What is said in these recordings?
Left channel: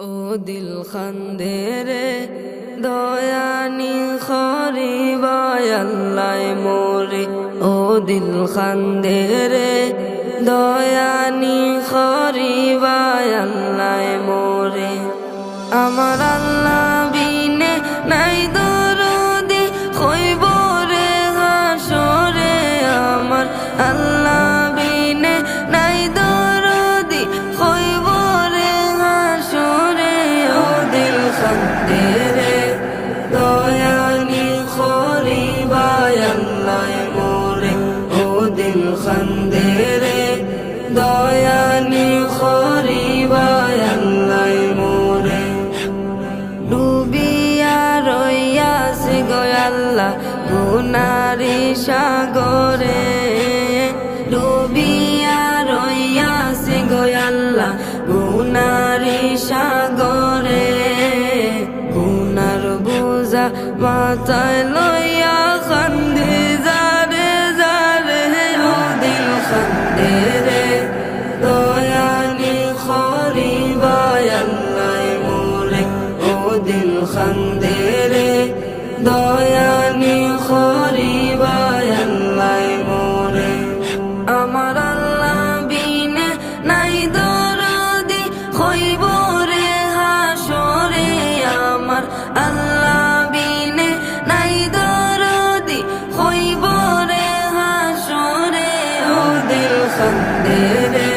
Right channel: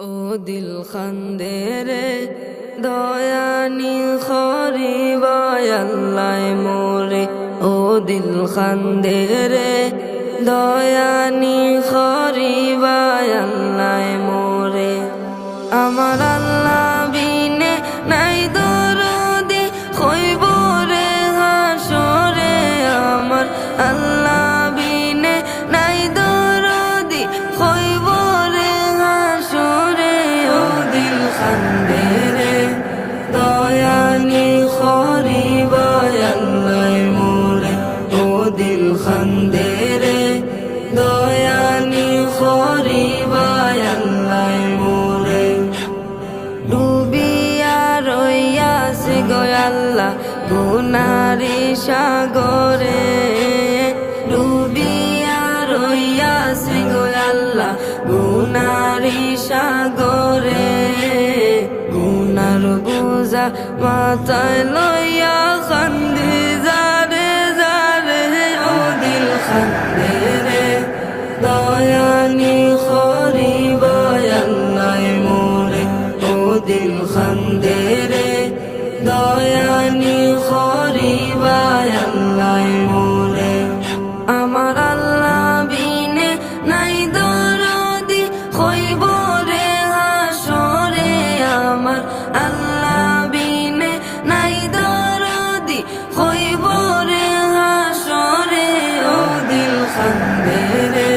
ও দিল খান্দে রে দয়ানি খরিবায় আল্লাহ মোরে। ও দিল খান্দে রে দয়ানি খরিবায় আল্লাহ মোরে। আমার আল্লাহ বিনে নাই দরদি খইব রে হাসরে। আমার আল্লাহ বিনে নাই দরদি খইব রে হাসরে। ও দিল খান্দে রে দয়ানি খরিবায় আল্লাহ মোরে। ও দিল খান্দে রে দয়ানি খরিবায় আল্লাহ মোরে। ডুবিয়া রইয়াছে গো আল্লাহ গুনারি সাগরে। ডুবিয়া রইয়াছে গো আল্লাহ গুনারি সাগরে। গুনার বোঝা মাথায় লইয়া খান্দে যারে যারে। ও দিল খান্দে রে দয়ানি খরিবায় আল্লাহ মোরে। ও দিল খান্দে রে দয়ানি খরিবায় আল্লাহ মোরে। আমার আল্লাহ বিনে নাই দরদি খইব রে হাসরে। আমার আল্লাহ বিনে নাই দরদি খইব রে হাসরে। ও দিল খান্দে রে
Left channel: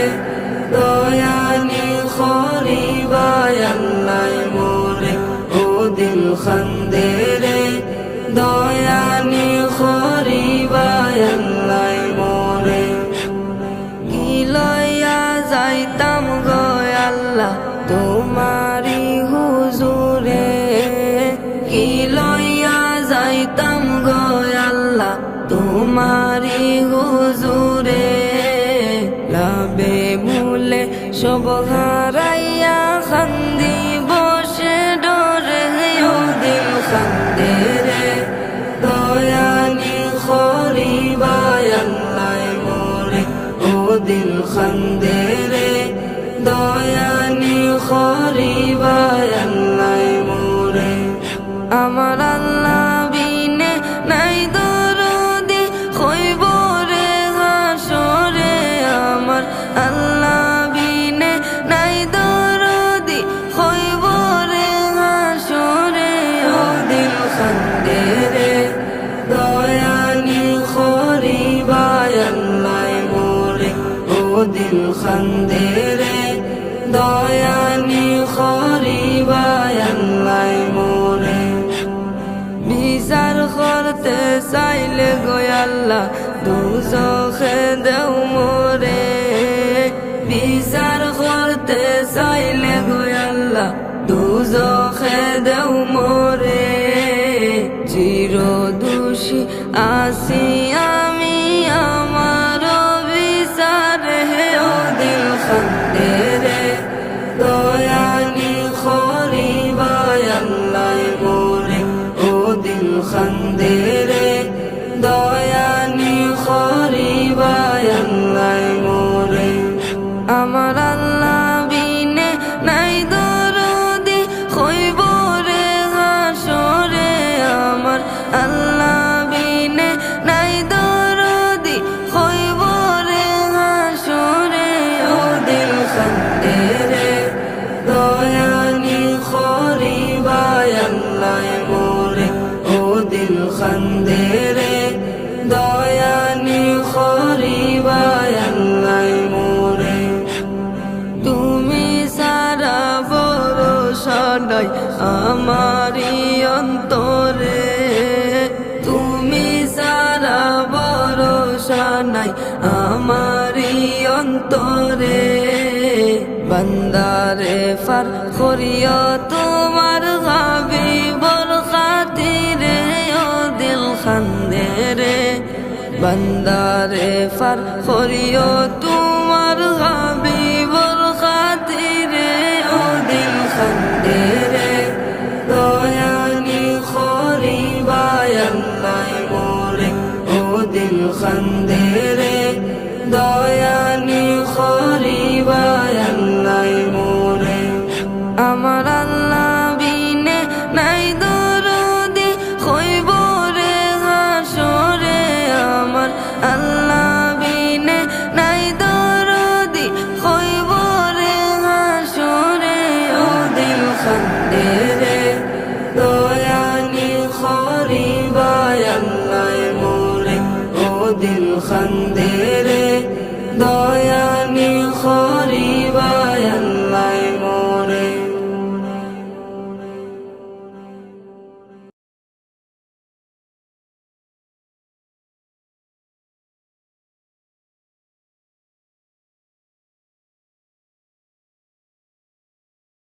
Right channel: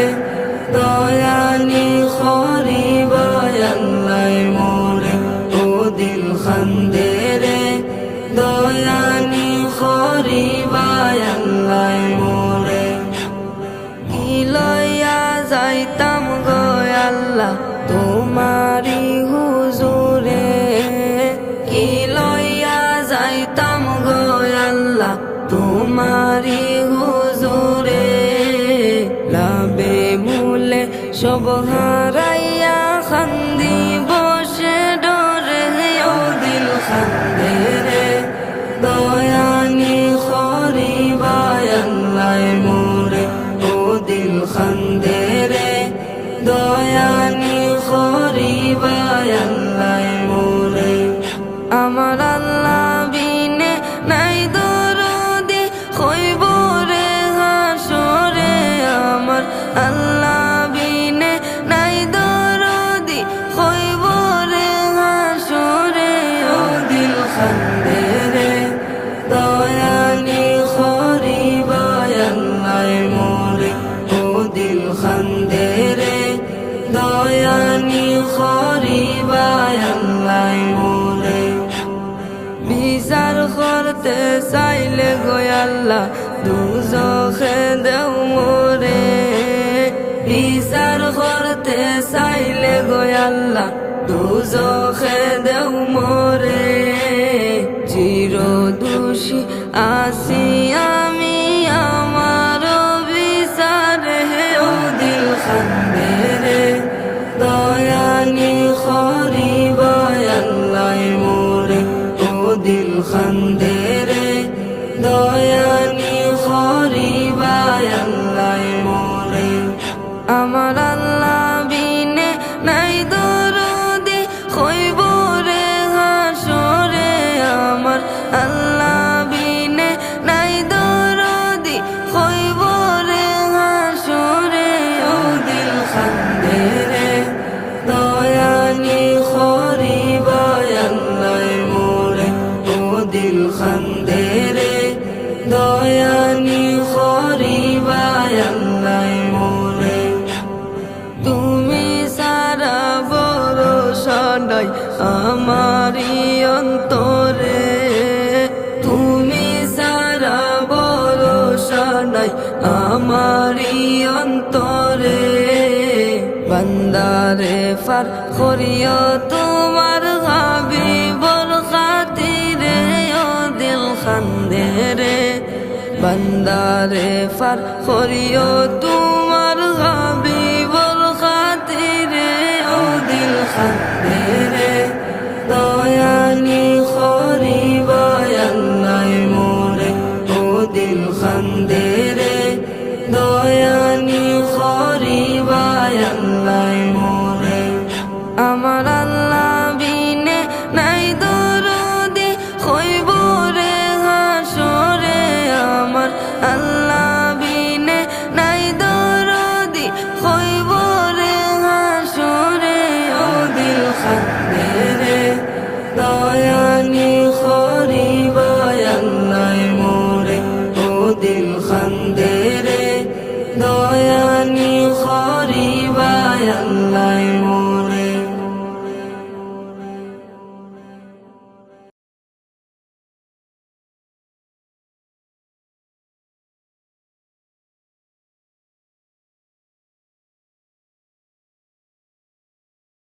দয়ানি খরিবায় আল্লাহ মোরে। ও দিল খান্দে রে দয়ানি খরিবায় আল্লাহ মোরে। কি লইয়া যাইতাম গো আল্লাহ তোমারি হুজুরে। কি লইয়া যাইতাম গো আল্লাহ তোমারি হুজুরে। লাবে মূলে সব হারাইয়া খান্দি বসে ডরে। ও দিল খান্দে রে দয়ানি খরিবায় আল্লাহ মোরে। ও দিল খান্দে রে দয়ানি খরিবায় আল্লাহ মোরে। আমার আল্লাহ বিনে নাই দরদি খইব রে হাসরে। আমার আল্লাহ বিনে নাই দরদি খইব রে হাসরে। ও দিল খান্দে রে দয়ানি খরিবায় আল্লাহ মোরে। ও দিল খান্দে রে দয়ানি খরিবায় আল্লাহ মোরে। বিচার করতে চাইলে গো আল্লাহ দুজখে দেও মোরে। বিচার করতে চাইলে গো আল্লাহ দুজখে দেও মোরে। চির দোষী আসি আমি আমার বিচারে। ও দিল খান্দে রে দয়ানি খরিবায় আল্লাহ মোরে। ও দিল খান্দে রে দয়ানি খরিবায় আল্লাহ মোরে। আমার আল্লাহ বিনে নাই দরদি খইব রে হাসরে। আমার আল্লাহ বিনে নাই দরদি খইব রে হাসরে। ও দিল খান্দে রে দয়ানি খরিবায় আল্লাহ মোরে। ও দিল খান্দে রে দয়ানি খরিবায় আল্লাহ মোরে। তুমি সারা ভরসা নাই আমারি অন্তরে। তুমি সারা ভরসা নাই আমারি অন্তরে। বান্দারে ফার করিও তোমার হাবিবর খাতিরে। ও দিল খান্দে রে বান্দারে ফার করিও তোমার হাবিবর খাতিরে। ও দিল খান্দে রে দয়ানি খরিবায় আল্লাহ মোরে। ও দিল খান্দে রে দয়ানি খরিবায় আল্লাহ মোরে। আমার আল্লাহ বিনে নাই দরদি হইব রে হাসরে আমার আল্লাহ বিনে নাই দরদি হইব রে হাসরে ও দিল খান্দে রে দয়ানি খরিবায় আল্লাহ মোরে ও দিল খান্দে রে দয়া